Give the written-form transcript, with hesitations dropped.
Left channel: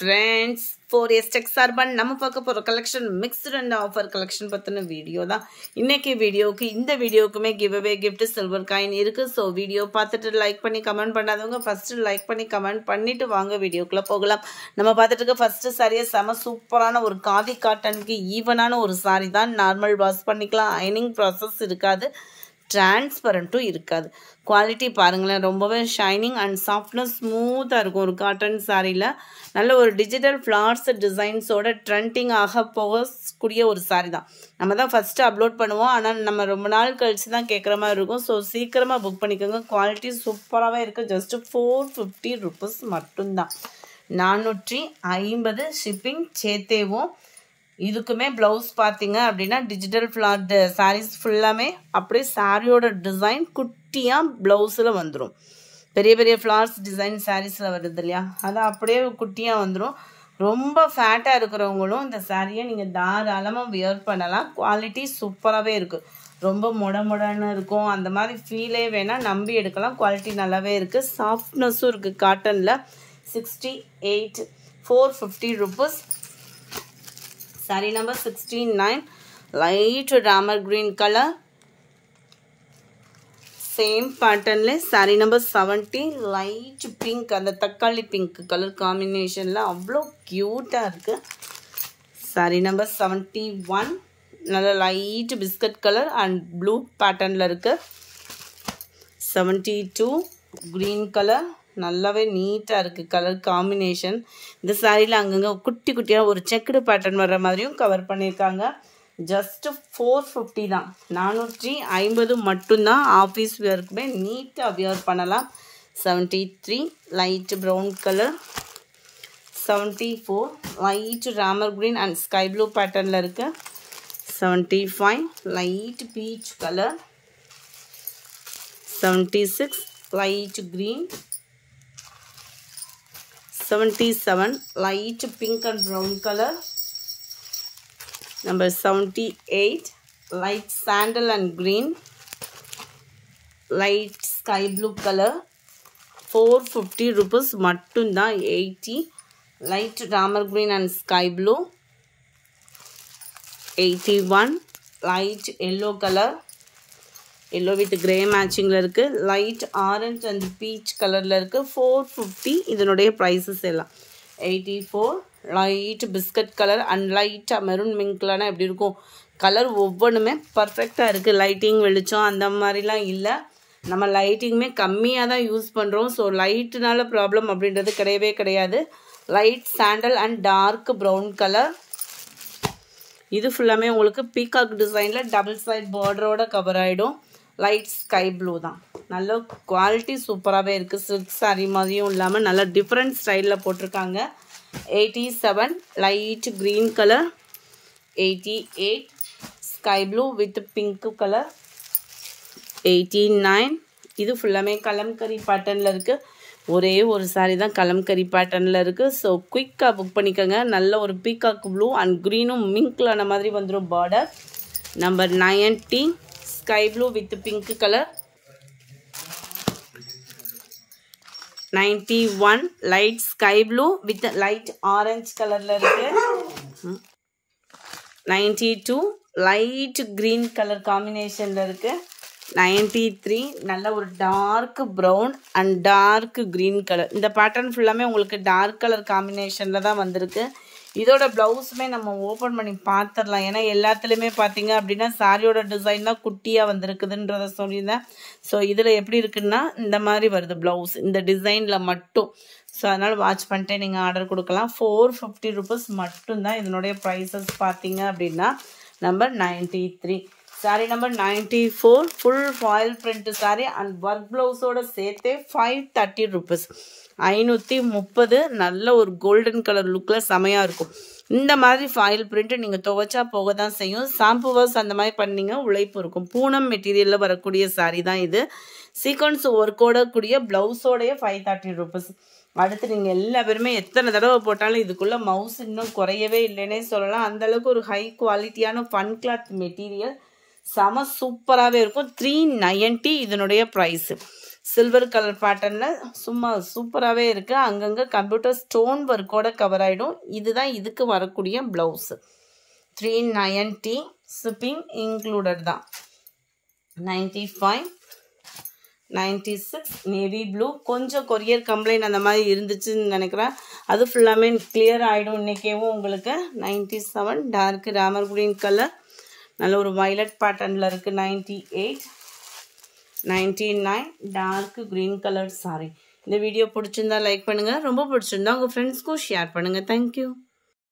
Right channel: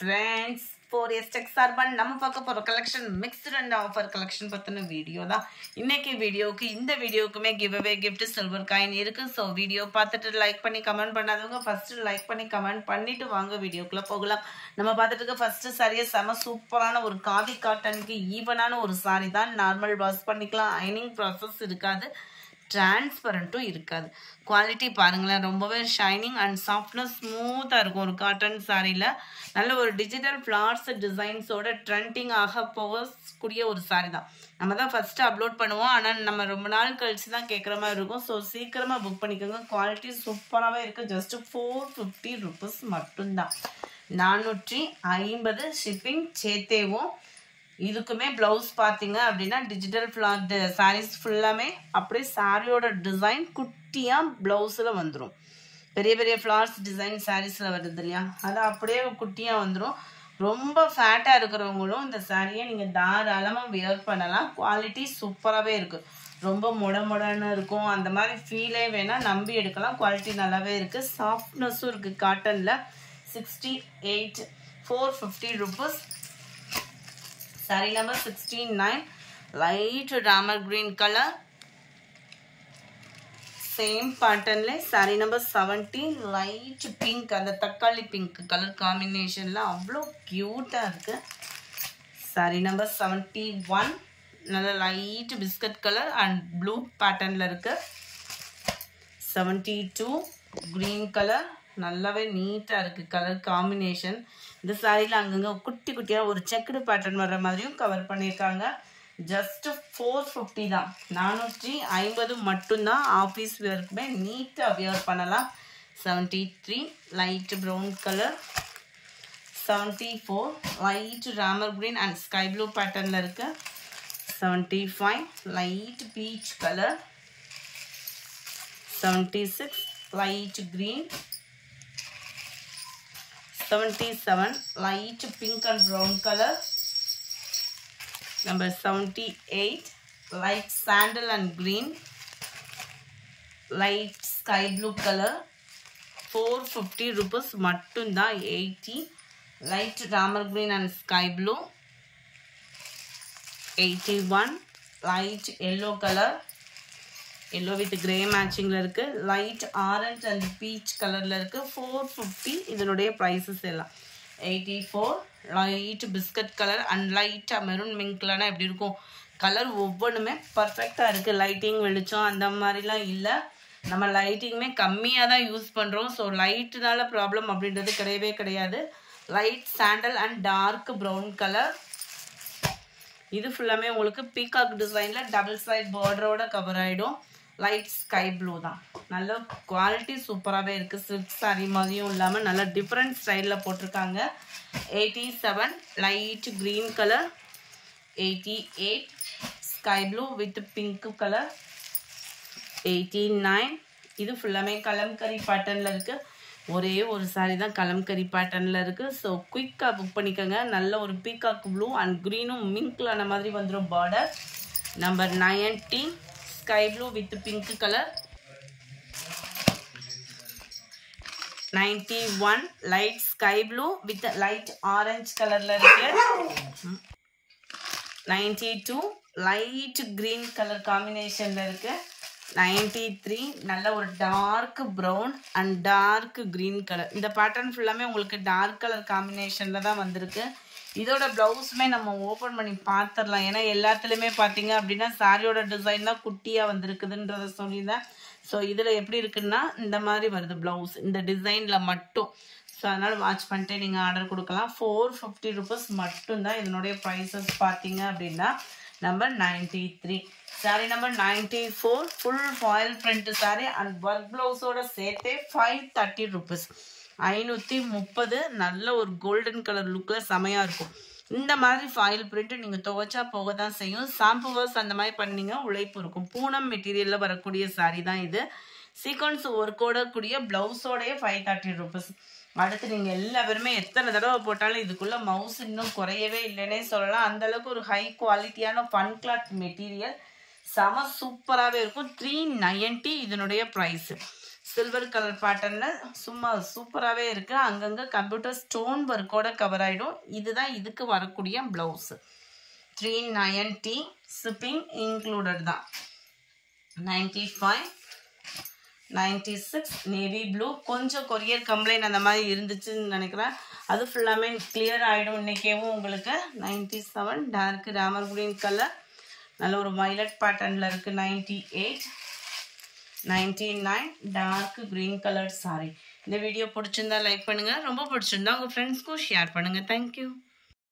friends, 4S Tech சார்பான் நம்ம பார்க்க போற collection mixed and offer collection பத்தின வீடியோ தான். இன்னைக்கு வீடியோக்கு இந்த வீடியோக்குமே give away gift silver coin இருக்கு. சோ வீடியோ பார்த்துட்டு லைக் பண்ணி கமெண்ட் பண்ணாதவங்க ஃபர்ஸ்ட் லைக் பண்ணி கமெண்ட் பண்ணிட்டு வாங்க வீடியோக்குள்ள போகலாம். நம்ம பார்த்துட்டு இருக்க ஃபர்ஸ்ட் சாரியே செம சூப்பரான ஒரு காதி காட்டனுக்கு ஈவனான ஒரு சாரி தான். நார்மல் வாஷ் பண்ணிக்கலாம், அயனிங் ப்ராசஸ் இருக்காது, டிரான்ஸ்பரண்ட்டும் இருக்காது. குவாலிட்டி பாருங்களேன், ரொம்பவே ஷைனிங் அண்ட் சாஃப்ட்னஸ் ஸ்மூத்தாக இருக்கும். ஒரு காட்டன் சாரியில் நல்ல ஒரு டிஜிட்டல் ஃப்ளார்ஸ் டிசைன்ஸோட ட்ரெண்டிங் ஆக போகக்கூடிய ஒரு சாரி தான். நம்ம தான் ஃபஸ்ட்டு அப்லோட் பண்ணுவோம், ஆனால் நம்ம ரொம்ப நாள் கழிச்சு தான் கேட்குற மாதிரி இருக்கும். ஸோ சீக்கிரமாக புக் பண்ணிக்கோங்க. குவாலிட்டி சூப்பராகவே இருக்குது. ஜஸ்ட்டு 450 rupees மட்டும்தான். 450 ஷிப்பிங் சேர்த்தேவும். இதுக்குமே ப்ளவுஸ் பார்த்தீங்க அப்படின்னா டிஜிட்டல் ஃப்ளார் சாரீஸ் ஃபுல்லாமே அப்படியே சாரியோட டிசைன் குட்டியாக ப்ளவுஸில் வந்துடும். பெரிய பெரிய ஃப்ளார்ஸ் டிசைன் சாரீஸில் வருது இல்லையா, அது அப்படியே குட்டியாக வந்துடும். ரொம்ப ஃபேட்டாக இருக்கிறவங்களும் இந்த சாரியை நீங்கள் தாராளமாக வியர் பண்ணலாம். குவாலிட்டி சூப்பராகவே இருக்குது. ரொம்ப மொடன்னு இருக்கும், அந்த மாதிரி ஃபீலே வேணால் நம்பி எடுக்கலாம். குவாலிட்டி நல்லாவே இருக்குது, சாஃப்ட்னஸும் இருக்குது. காட்டனில் 68 450 rupees. Saree number 69, light ramar green color, same pattern le. Saree number 70, light pink and takkali pink color combination la avlo cute ah irukku. Saree number 71, nalla light biscuit color and blue pattern la irukku. 72, green color, நல்லாவே நீட்டாக இருக்குது colour combination. இந்த சாரியில் அங்கங்கே குட்டி குட்டியாக ஒரு checked pattern வர்ற மாதிரியும் கவர் பண்ணியிருக்காங்க. ஜஸ்ட்டு 450 தான், 450 மட்டும்தான். ஆஃபீஸ் வியருக்குமே நீட்டாக வியர் பண்ணலாம். 73, light brown colour. 74, light Ramar green and sky blue பேட்டர்னில் இருக்குது. 75, light peach colour. 76, light green. 77, light pink and brown color. Number 78, light sandal and green, light sky blue color. 450 rupees mattunda. 80, light ramar green and sky blue. 81, light yellow color, yellow with grey matching la irukku. Light orange and peach color la irukku. 450 இதனுடைய prices எல்லாம். 84, light biscuit color and light maroon minkலான எப்படி இருக்கும் colour ஒவ்வொன்றுமே பர்ஃபெக்டாக இருக்குது. Lighting வெளிச்சம் அந்த மாதிரிலாம் இல்லை, நம்ம லைட்டிங்குமே கம்மியாக தான் யூஸ் பண்ணுறோம். ஸோ லைட்டுனால ப்ராப்ளம் அப்படின்றது கிடையவே கிடையாது. Light sandal and dark brown colour. இது ஃபுல்லாமே உங்களுக்கு பீகாக் டிசைனில் டபுள் சைட் பார்டரோட கவர் ஆகிடும். லைட் ஸ்கை ப்ளூ தான். நல்ல குவாலிட்டி சூப்பராகவே இருக்குது. சில்க் சாரி மாதிரியும் இல்லாமல் நல்ல டிஃப்ரெண்ட் ஸ்டைலில் போட்டிருக்காங்க. 87, light green colour. 88, sky blue with pink colour. 89, இது ஃபுல்லாமே கலம்கரி பேட்டர்னில் இருக்குது. ஒரே ஒரு சாரி தான் கலம்கரி பேட்டர்னில் இருக்குது. ஸோ குயிக்காக புக் பண்ணிக்கோங்க. நல்ல ஒரு பீகாக் ப்ளூ அண்ட் க்ரீனும் மிங்க்லான மாதிரி வந்துடும் border. Number 90, sky blue with pink color. 91, light sky blue with light orange color la irukku. 92, light green color combination la irukku. 93, நல்ல ஒரு dark brown and dark green colour. இந்த pattern ஃபுல்லாமே உங்களுக்கு dark colour காம்பினேஷனில் தான் வந்திருக்கு. இதோட ப்ளவுஸுமே நம்ம ஓப்பன் பண்ணி பார்த்துடலாம். ஏன்னா எல்லாத்துலேயுமே பார்த்தீங்க அப்படின்னா சாரியோட டிசைன் தான் குட்டியாக வந்திருக்குதுன்றத சொல்லியிருந்தேன். ஸோ இதில் எப்படி இருக்குன்னா இந்த மாதிரி வருது ப்ளவுஸ் இந்த டிசைனில் மட்டும். ஸோ அதனால் வாட்ச் பண்ணிட்டு நீங்கள் ஆர்டர் கொடுக்கலாம். 450 rupees மட்டும்தான் இதனுடைய ப்ரைஸஸ் பார்த்தீங்க அப்படின்னா. Number 93, sorry number 94, full foil print sorry and work ப்ளவுஸோட சேர்த்தே 530 rupees. 530. நல்ல ஒரு கோல்டன் கலர் லுக்கில் செமையாக இருக்கும். இந்த மாதிரி ஃபாயில் பிரிண்ட்டு நீங்கள் துவைச்சா போக தான் செய்யும். ஷாம்பு வாஷ் அந்த மாதிரி பண்ணிங்க உழைப்பு இருக்கும். பூனம் மெட்டீரியலில் வரக்கூடிய சாரி தான் இது. சீக்வன்ஸ் ஒர்க்கோட கூடிய ப்ளவுஸோடைய 530 rupees. அடுத்து நீங்கள் எல்லா பேருமே எத்தனை தடவை போட்டாலும் இதுக்குள்ளே மவுஸ் இன்னும் குறையவே இல்லைன்னே சொல்லலாம். அந்தளவுக்கு ஒரு ஹை குவாலிட்டியான ஃபன் கிளாத் மெட்டீரியல் செம சூப்பராகவே இருக்கும். 390 இதனுடைய ப்ரைஸு. சில்வர் கலர் பேட்டர்னில் சும்மா சூப்பராகவே இருக்குது. அங்கங்கே கம்ப்யூட்டர் ஸ்டோன் ஒர்க்கோட கவர் ஆகிடும். இதுதான் இதுக்கு வரக்கூடிய ப்ளவுஸு. 390 ஷிப்பிங் இன்க்ளூடட் தான். 95 96 நேவி ப்ளூ. கொஞ்சம் கொரியர் கம்ப்ளைண்ட் அந்த மாதிரி இருந்துச்சுன்னு நினைக்கிறேன். அது ஃபுல்லாமே கிளியர் ஆகிடும் இன்றைக்கேவும் உங்களுக்கு. 97 டார்க் ராமர் க்ரீன் கலர், நல்ல ஒரு வயலட் பேட்டர்னில் இருக்குது. 98 99 டார்க் க்ரீன் கலர் சாரி. இந்த வீடியோ பிடிச்சிருந்தா லைக் பண்ணுங்கள், ரொம்ப பிடிச்சிருந்தா உங்கள் ஃப்ரெண்ட்ஸ்க்கும் ஷேர் பண்ணுங்கள். தேங்க்யூ.